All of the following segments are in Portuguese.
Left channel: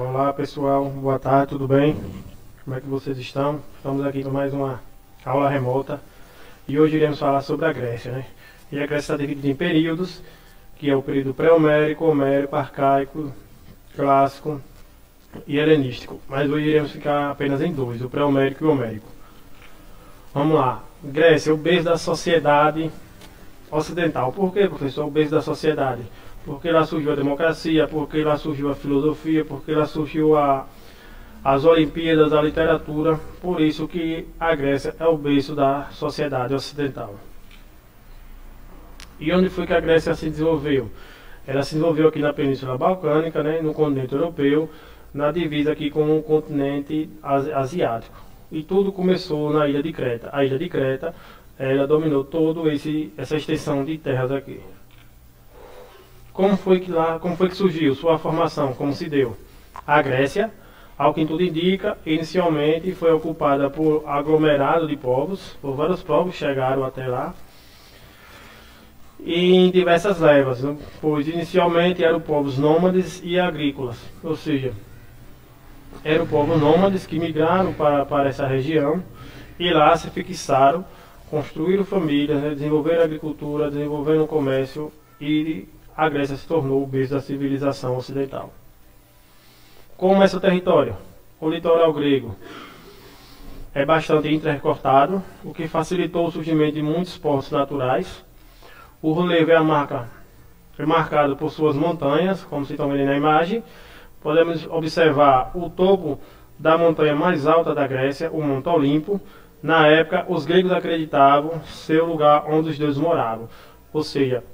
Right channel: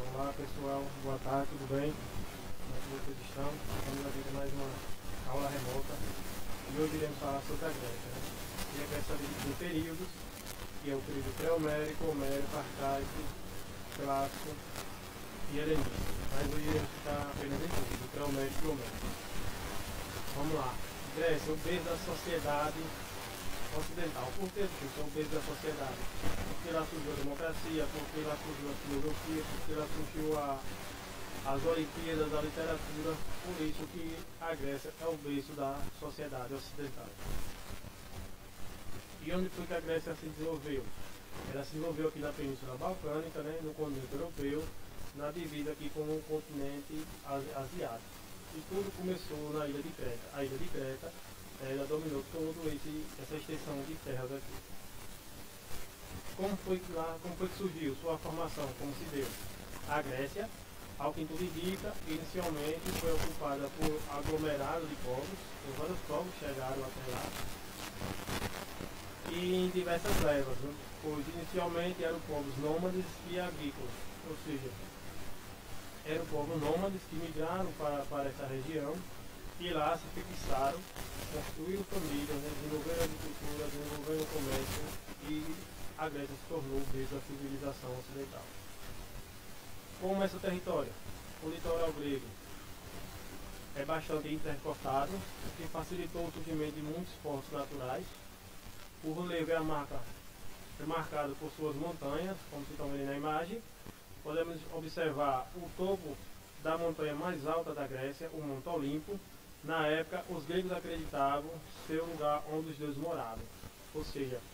Olá pessoal, boa tarde, tudo bem? Como é que vocês estão? Estamos aqui com mais uma aula remota e hoje iremos falar sobre a Grécia, né? E a Grécia está dividida em períodos, que é o período pré-homérico, homérico, arcaico, clássico e helenístico. Mas hoje iremos ficar apenas em dois, o pré-homérico e o homérico. Vamos lá. Grécia, o berço da sociedade ocidental. Por que, professor, o berço da sociedade? Porque lá surgiu a democracia, porque lá surgiu a filosofia, porque lá surgiu as Olimpíadas, a literatura. Por isso que a Grécia é o berço da sociedade ocidental. E onde foi que a Grécia se desenvolveu? Ela se desenvolveu aqui na Península Balcânica, né, no continente europeu, na divisa aqui com o continente asiático. E tudo começou na ilha de Creta. A ilha de Creta, ela dominou toda essa extensão de terras aqui. Como foi que surgiu sua formação, como se deu? A Grécia, ao que tudo indica, inicialmente foi ocupada por aglomerado de povos, por vários povos chegaram até lá, e em diversas levas, né? Pois inicialmente eram povos nômades e agrícolas, ou seja, eram povos nômades que migraram para essa região e lá se fixaram, construíram famílias, né? Desenvolveram a agricultura, desenvolveram o comércio e a Grécia se tornou o berço da civilização ocidental. Como é seu território? O litoral grego é bastante intercortado, o que facilitou o surgimento de muitos portos naturais. O relevo é marcado por suas montanhas, como vocês estão vendo na imagem. Podemos observar o topo da montanha mais alta da Grécia, o Monte Olimpo. Na época, os gregos acreditavam ser o lugar onde os deuses moravam, ou seja,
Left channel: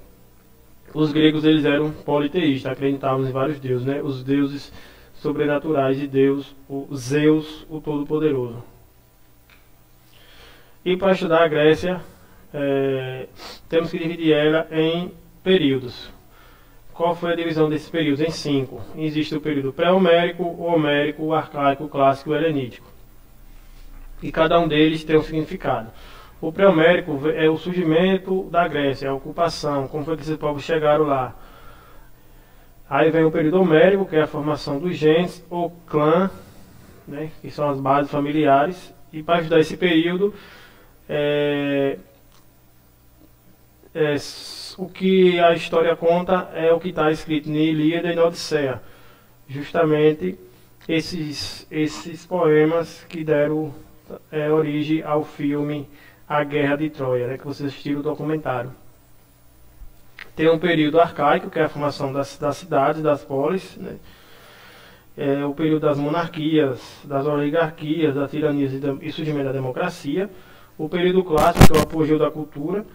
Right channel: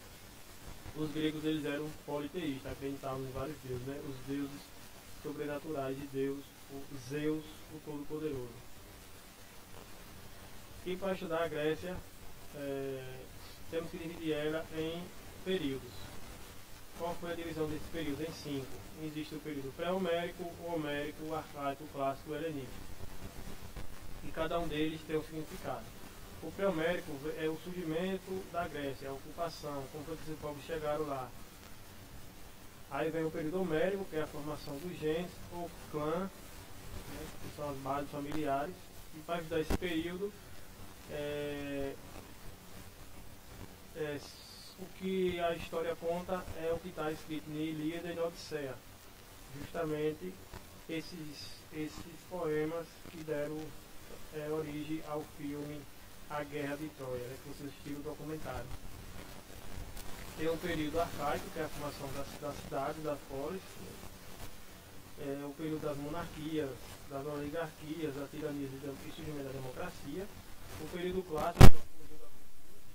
os gregos eles eram politeístas, acreditavam em vários deuses, né? Os deuses sobrenaturais de Deus, o Zeus, o Todo-Poderoso. E para estudar a Grécia, temos que dividir ela em períodos. Qual foi a divisão desses períodos? Em 5. Existe o período pré-homérico, o homérico, o arcaico, o clássico e o helenítico. E cada um deles tem um significado. O pré-homérico é o surgimento da Grécia, a ocupação, como foi que esses povos chegaram lá. Aí vem o período homérico, que é a formação dos genes, ou clã, né, que são as bases familiares. E para ajudar esse período, o que a história conta é o que está escrito em Ilíada e na Odisseia. Justamente esses poemas que deram origem ao filme A Guerra de Troia, né, que vocês assistiram o documentário. Tem um período arcaico, que é a formação das cidades, das polis, né? É o período das monarquias, das oligarquias, das tiranias e surgimento da democracia. O período clássico, que é o apogeu da cultura,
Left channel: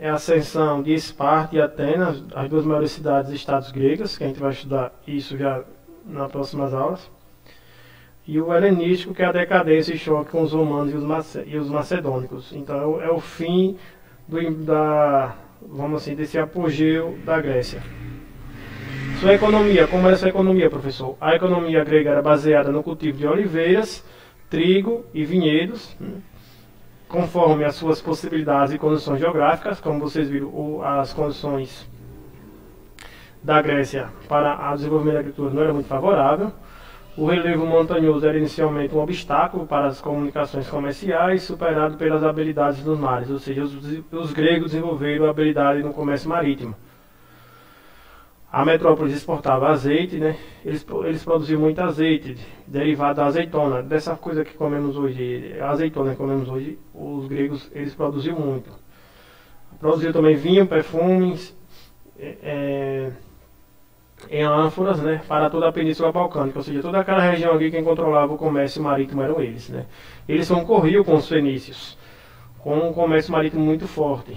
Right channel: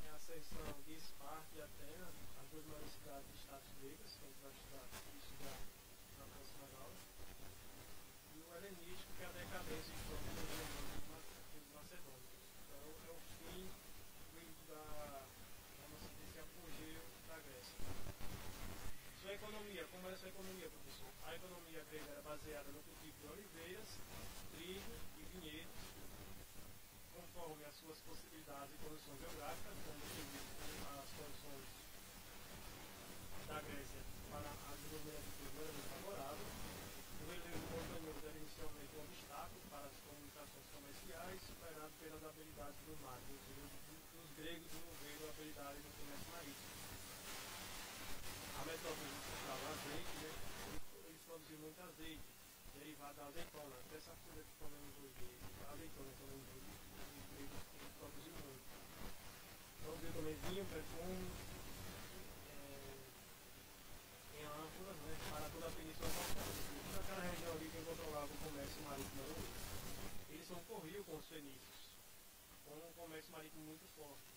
é a ascensão de Esparta e Atenas, as duas maiores cidades e estados gregas, que a gente vai estudar isso já nas próximas aulas. E o helenístico, que é a decadência e choque com os romanos e os macedônicos. Então é o fim vamos assim, desse apogeu da Grécia. Sua economia, como era sua economia, professor? A economia grega era baseada no cultivo de oliveiras, trigo e vinhedos, né, conforme as suas possibilidades e condições geográficas. Como vocês viram, as condições da Grécia para o desenvolvimento da agricultura não era muito favorável. O relevo montanhoso era inicialmente um obstáculo para as comunicações comerciais, superado pelas habilidades dos mares, ou seja, os gregos desenvolveram a habilidade no comércio marítimo. A metrópole exportava azeite, né? Eles produziam muito azeite, derivado da azeitona, dessa coisa que comemos hoje, a azeitona que comemos hoje, os gregos eles produziam muito. Produziam também vinho, perfumes, em ânforas, né, para toda a Península Balcânica, ou seja, toda aquela região aqui quem controlava o comércio marítimo eram eles, né. Eles concorriam com os fenícios, com um comércio marítimo muito forte,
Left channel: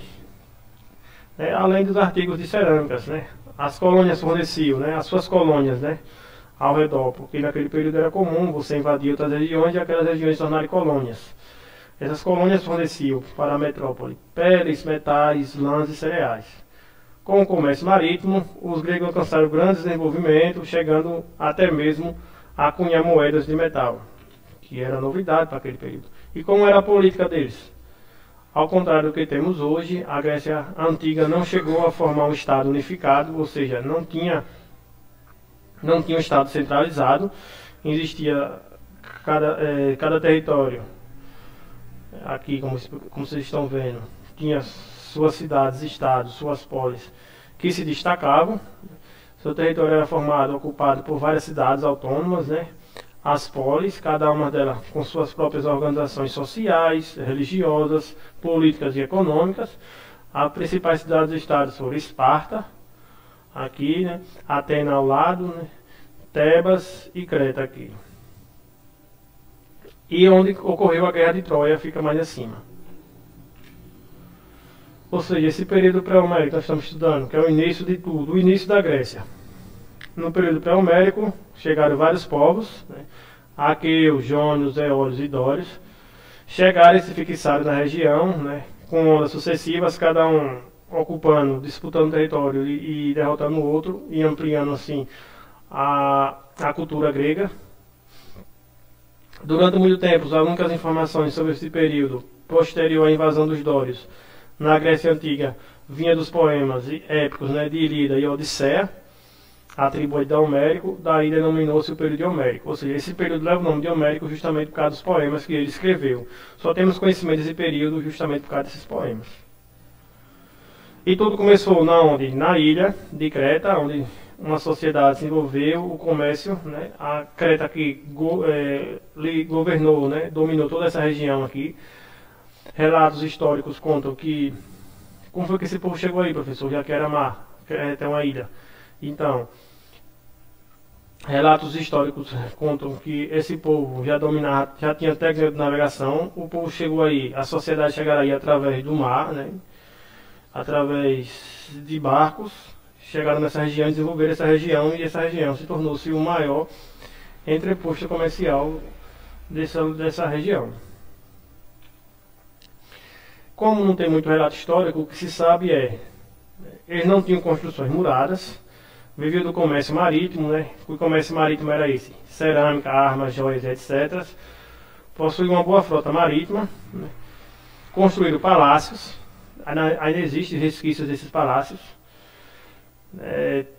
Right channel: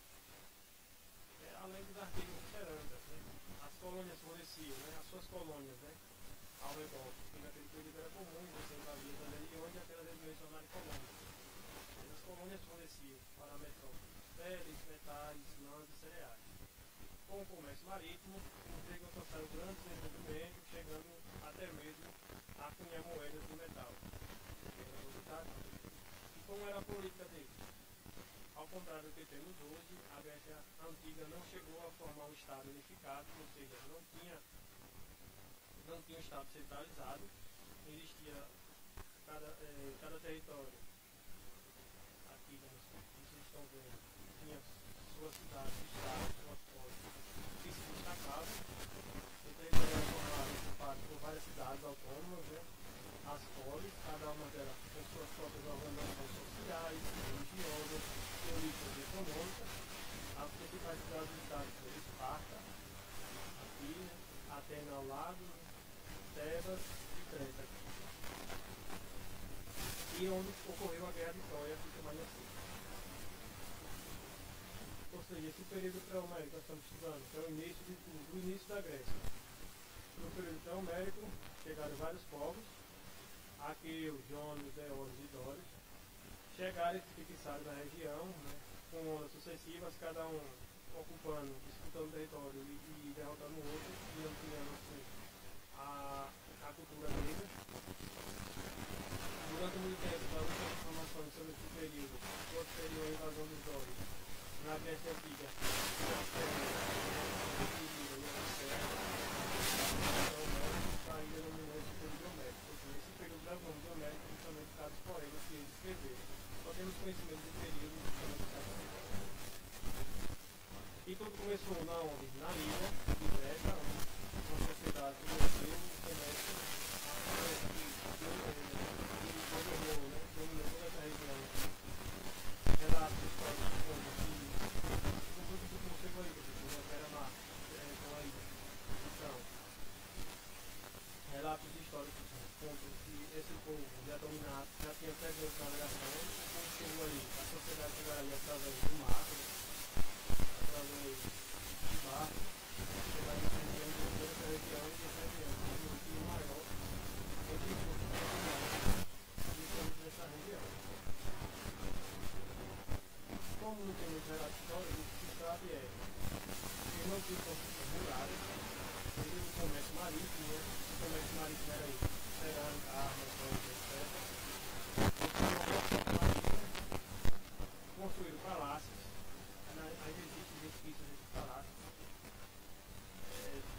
né, além dos artigos de cerâmicas, né. As colônias forneciam, né, as suas colônias, né, ao redor, porque naquele período era comum você invadir outras regiões e aquelas regiões se tornarem colônias. Essas colônias forneciam para a metrópole peles, metais, lãs e cereais. Com o comércio marítimo, os gregos alcançaram grande desenvolvimento, chegando até mesmo a cunhar moedas de metal, que era novidade para aquele período. E como era a política deles? Ao contrário do que temos hoje, a Grécia Antiga não chegou a formar um Estado unificado, ou seja, não tinha não tinha um Estado centralizado, existia cada território, aqui como vocês estão vendo, tinha suas cidades, estados, suas polis, que se destacavam. Seu território era formado, ocupado por várias cidades autônomas, né? As polis, cada uma delas com suas próprias organizações sociais, religiosas, políticas e econômicas. As principais cidades do estado foram Esparta, aqui, né? Atena ao lado, né? Tebas e Creta aqui. E onde ocorreu a Guerra de Troia fica mais acima. Ou seja, esse período pré-homérico que nós estamos estudando, que é o início de tudo, o início da Grécia. No período pré-homérico chegaram vários povos, né? Aqueus, Jônios, Eólios e Dórios. Chegaram e se fixaram na região, né? Com ondas sucessivas, cada um ocupando, disputando território e derrotando o outro, e ampliando assim a cultura grega. Durante muito tempo, as únicas informações sobre esse período posterior à invasão dos Dórios na Grécia Antiga vinha dos poemas épicos, né, de Ilíada e Odisseia, atribuído a Homérico. Daí denominou-se o período de Homérico. Ou seja, esse período leva o nome de Homérico justamente por causa dos poemas que ele escreveu. Só temos conhecimento desse período justamente por causa desses poemas. E tudo começou na ilha de Creta, onde uma sociedade desenvolveu o comércio, né? A Creta que governou, né? Dominou toda essa região aqui. Relatos históricos contam que... Como foi que esse povo chegou aí, professor? Já que era mar, até uma ilha. Então, relatos históricos contam que esse povo já tinha técnica de navegação. O povo chegou aí, a sociedade chegaria através do mar, né? Através de barcos. Chegaram nessa região, desenvolveram essa região, e essa região se tornou-se o maior entreposto comercial dessa região. Como não tem muito relato histórico, o que se sabe eles não tinham construções muradas, viviam do comércio marítimo, né? O comércio marítimo era esse: cerâmica, armas, joias, etc. Possuíam uma boa frota marítima, né? Construíram palácios, ainda existem resquícios desses palácios.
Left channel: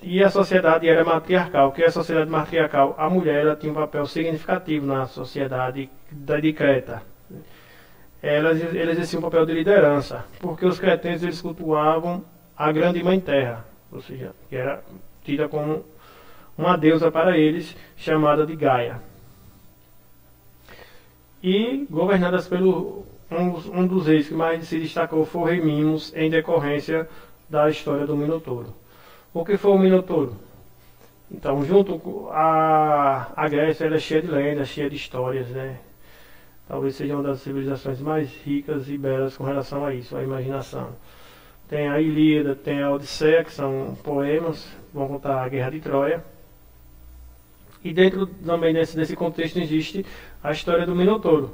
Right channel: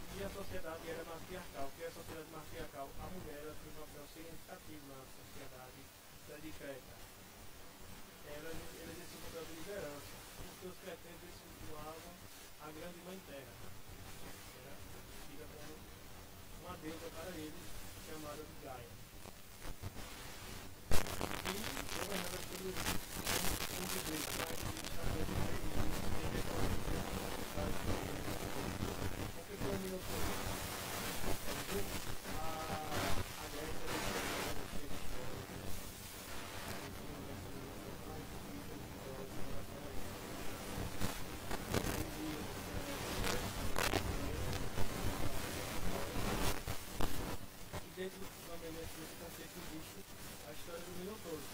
E a sociedade era matriarcal. O que é a sociedade matriarcal? A mulher ela tinha um papel significativo na sociedade de Creta. Ela exercia um papel de liderança, porque os cretenses eles cultuavam a grande mãe terra, ou seja, que era tida como uma deusa para eles, chamada de Gaia. E governadas pelo um dos reis que mais se destacou foi o rei Minos, em decorrência da história do Minotouro. O que foi o Minotouro? Então, junto com a Grécia, ela é cheia de lendas, cheia de histórias, né? Talvez seja uma das civilizações mais ricas e belas com relação a isso, a imaginação. Tem a Ilíada, tem a Odisseia, que são poemas que vão contar a Guerra de Troia. E dentro também desse contexto existe a história do Minotouro.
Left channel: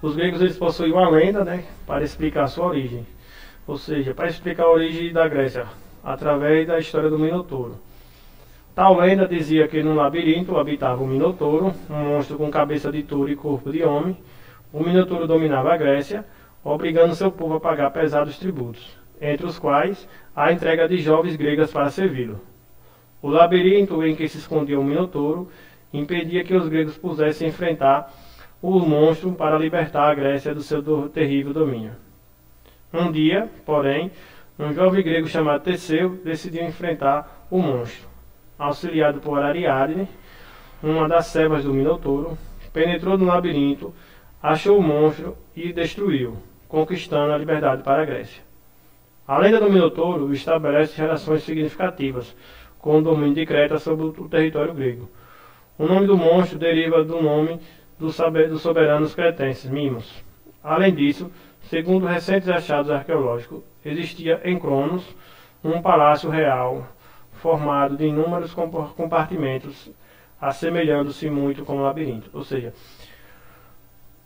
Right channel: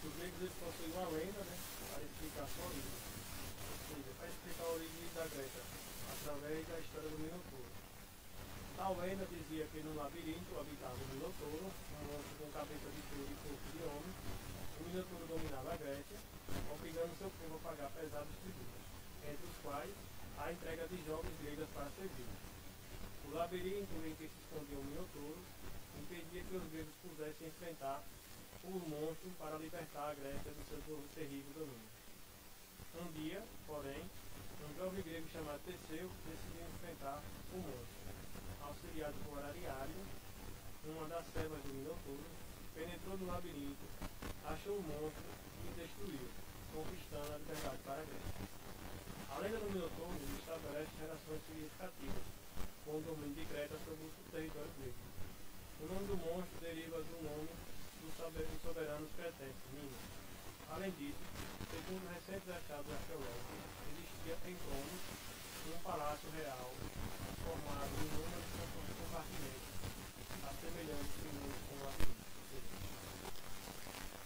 Os gregos eles possuíam uma lenda, né, para explicar a sua origem. Ou seja, para explicar a origem da Grécia, através da história do Minotouro. Tal lenda dizia que num labirinto habitava um Minotouro, um monstro com cabeça de touro e corpo de homem. O Minotouro dominava a Grécia, obrigando seu povo a pagar pesados tributos, entre os quais a entrega de jovens gregas para servi-lo. O labirinto em que se escondia o Minotouro impedia que os gregos pudessem enfrentar o monstro para libertar a Grécia do seu terrível domínio. Um dia, porém, um jovem grego chamado Teseu decidiu enfrentar o monstro. Auxiliado por Ariadne, uma das servas do Minotouro, penetrou no labirinto, achou o monstro e destruiu, conquistando a liberdade para a Grécia. A lenda do Minotouro estabelece relações significativas com o domínio de Creta sobre o território grego. O nome do monstro deriva do nome dos soberanos cretenses, Mimos. Além disso, segundo recentes achados arqueológicos, existia em Cronos um palácio real formado de inúmeros compartimentos, assemelhando-se muito com um labirinto. Ou seja,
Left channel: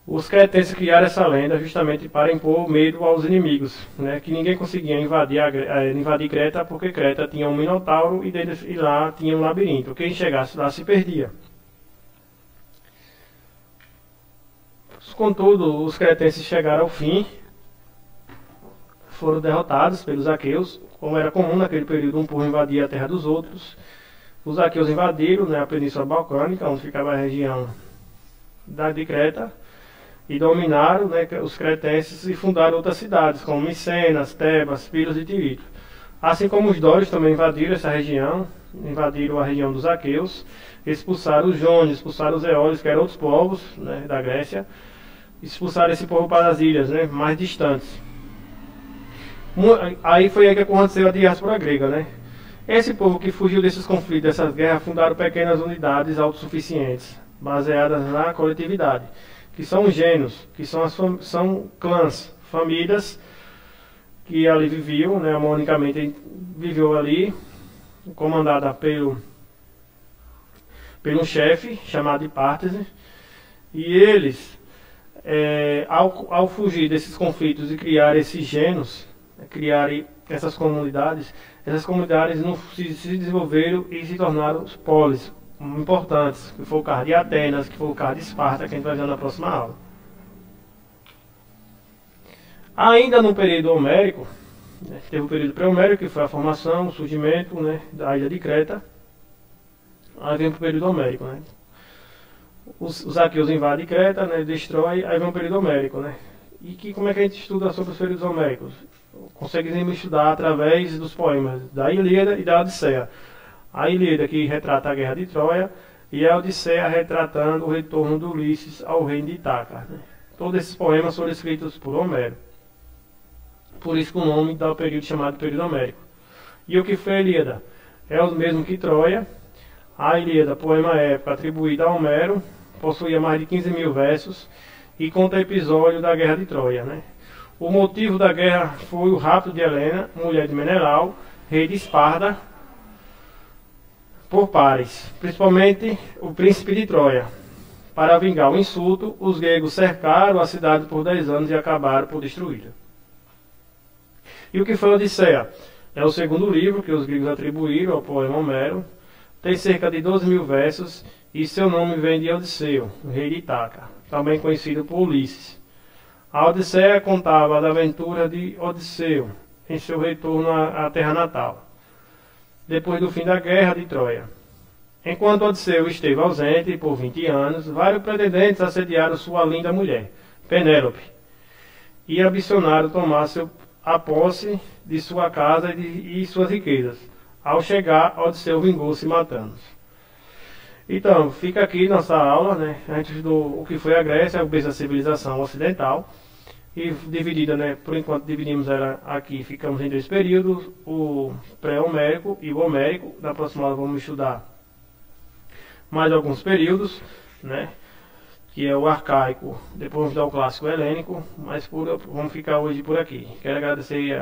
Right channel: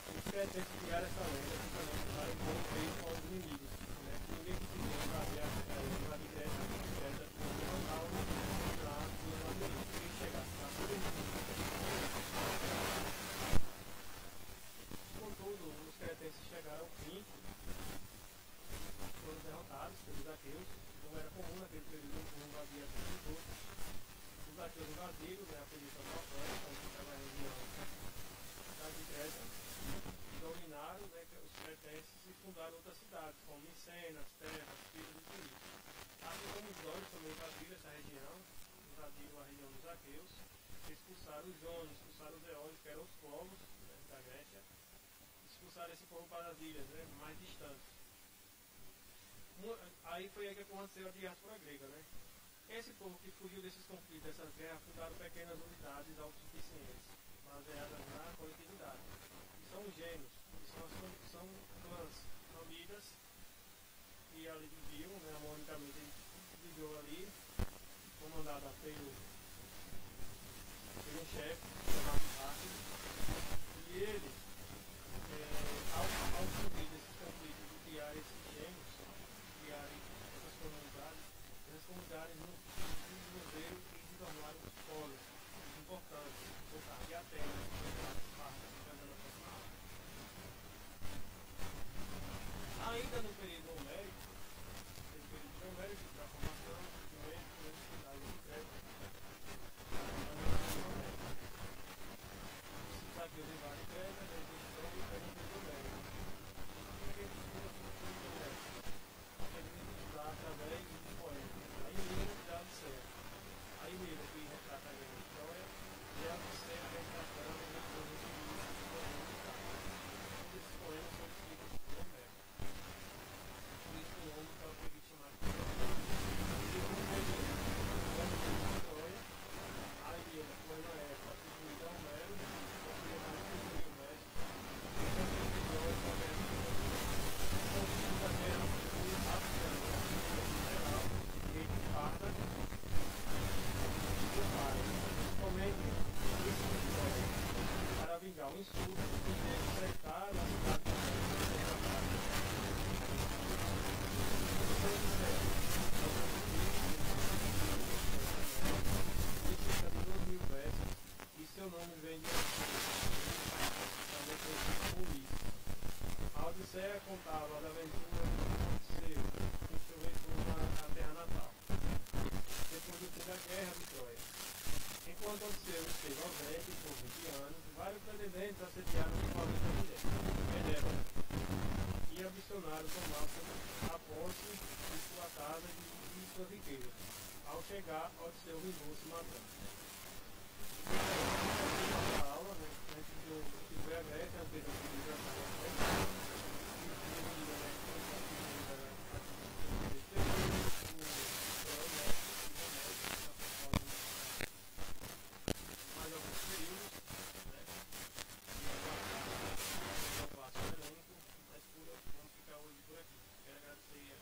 os cretenses criaram essa lenda justamente para impor medo aos inimigos, né? Que ninguém conseguia invadir Creta, porque Creta tinha um minotauro e lá tinha um labirinto. Quem chegasse lá se perdia. Contudo, os cretenses chegaram ao fim, foram derrotados pelos aqueus. Como era comum naquele período, um povo invadia a terra dos outros. Os aqueus invadiram, né, a Península Balcânica, onde ficava a região de Creta, e dominaram, né, os cretenses e fundaram outras cidades, como Micenas, Tebas, Pilos e Tirito. Assim como os dórios também invadiram essa região, invadiram a região dos aqueus, expulsaram os jônios, expulsaram os eólios, que eram outros povos, né, da Grécia, expulsaram esse povo para as ilhas, né, mais distantes. Aí foi aí que aconteceu a diáspora grega, né? Esse povo que fugiu desses conflitos, dessas guerras, fundaram pequenas unidades autossuficientes, baseadas na coletividade, que são gênios, que são clãs, famílias que ali viviam, né, harmonicamente viveu ali, comandada pelo um chefe chamado Hipártese, e eles, ao fugir desses conflitos e criar esses gênios, criarem essas comunidades não se desenvolveram e se tornaram os polis importantes, que foi o caso de Atenas, que foi o caso de Esparta, que a gente vai ver na próxima aula. Ainda no período homérico, né, teve o período pré-homérico, que foi a formação, o surgimento, né, da ilha de Creta. Aí vem o período homérico, né? Os aqueus invadem Creta, né, destrói, aí vem o período homérico, né? E como é que a gente estuda sobre os períodos homéricos? Conseguimos estudar através dos poemas da Ilíada e da Odisseia. A Ilíada, que retrata a guerra de Troia, e a Odisseia retratando o retorno de Ulisses ao reino de Ítaca, né? Todos esses poemas foram escritos por Homero. Por isso que o nome dá o período chamado período homérico. E o que foi a Ilíada? É o mesmo que Troia. A Ilíada, poema épico atribuído a Homero, possuía mais de 15 mil versos e conta o episódio da guerra de Troia, né? O motivo da guerra foi o rapto de Helena, mulher de Menelau, rei de Esparta, por Paris, principalmente o príncipe de Troia. Para vingar o insulto, os gregos cercaram a cidade por 10 anos e acabaram por destruí-la. E o que foi a Odisseia? É o segundo livro que os gregos atribuíram ao poema Homero. Tem cerca de 12 mil versos e seu nome vem de Odisseu, rei de Ítaca, também conhecido por Ulisses. A Odisseia contava da aventura de Odisseu em seu retorno à terra natal, depois do fim da guerra de Troia. Enquanto Odisseu esteve ausente por 20 anos, vários pretendentes assediaram sua linda mulher, Penélope, e ambicionaram tomar a posse de sua casa e suas riquezas. Ao chegar, Odisseu vingou-se matando-os. Então, fica aqui nossa aula, né? A gente estudou o que foi a Grécia, o berço da civilização ocidental. E dividida, né? Por enquanto dividimos ela aqui, ficamos em 2 períodos, o pré-homérico e o homérico. Da próxima aula vamos estudar mais alguns períodos, né? Que é o arcaico, depois vamos dar o clássico helênico, mas vamos ficar hoje por aqui. Quero agradecer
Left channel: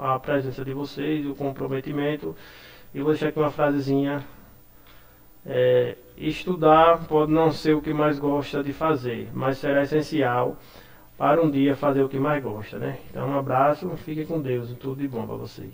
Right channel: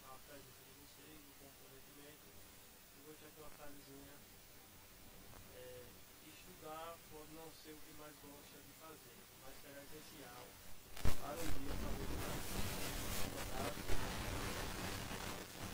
a presença de vocês, o comprometimento, e vou deixar aqui uma frasezinha. Estudar pode não ser o que mais gosta de fazer, mas será essencial para um dia fazer o que mais gosta, né? Então um abraço, fiquem com Deus e tudo de bom para vocês.